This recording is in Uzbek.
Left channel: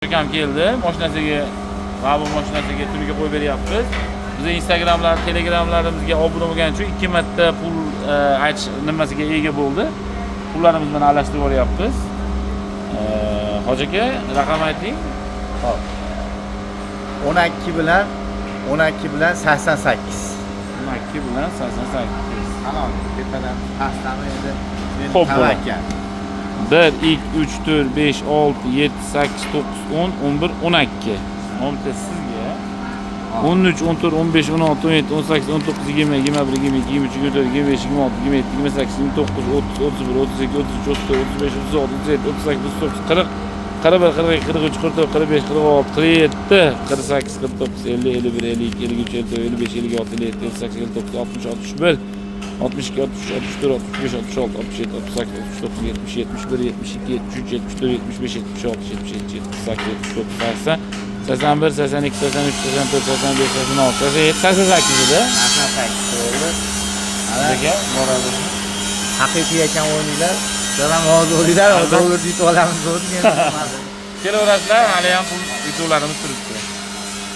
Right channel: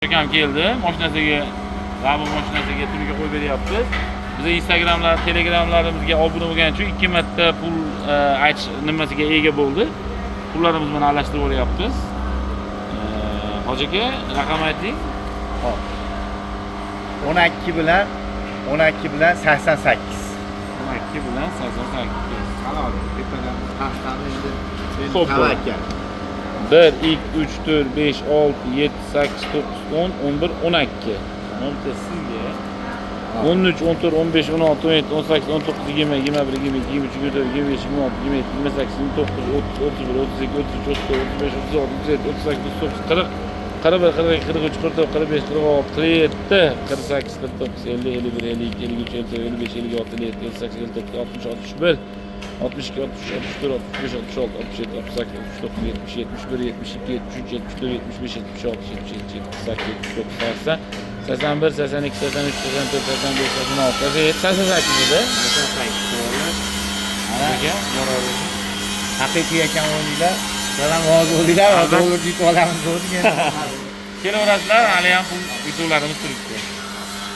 Akam keldi, mashinasiga, g'abur mashinasiga tuniga qo'yib beryapmiz. Biz Instagramlar, Telegramlarimizga obuna bo'lgani uchun 2 marta pul aytish nimasiga ega bo'ldi. Pullarimiz bilan alashtirib olyapmiz. Hoji aka, raqam ayting. Hop. 12 bilan 88. 12 bilan 88. Tamam, tepadan pastdan endi Xo'p, tavakkal. 1, 2, 3, 4, 5, 6, 7, 8, 9, 10, 11, 12. 10 sizga. 13, 14, 15, 16, 17, 18, 19, 20, 21, 22, 23, 24, 25, 26, 27, 28, 29, 30, 31, 32, 33, 34, 35, 36, 37, 38, 39, 40, 41, 42, 43, 44, 45, 46, 47, 48, 49, 50, 51, 52, 53, 54, 55, 56, 57, 58, 59, 60, 61, 62, 63, 64, 65, 66, 67, 68, 69, 70, 71, 72, 73, 74, 75, 76, 77, 78, 79, 80, 81, 82, 83, 84, 85, 86, 87, 88 edi. 88 to'g'ri. Nega? Haqiqiy ekan o'yinlar. Dadam hozir o'ylar, dollar yutib olamiz degan. Kelaverasizlar, hali ham pul yutuvlarimiz turibdi.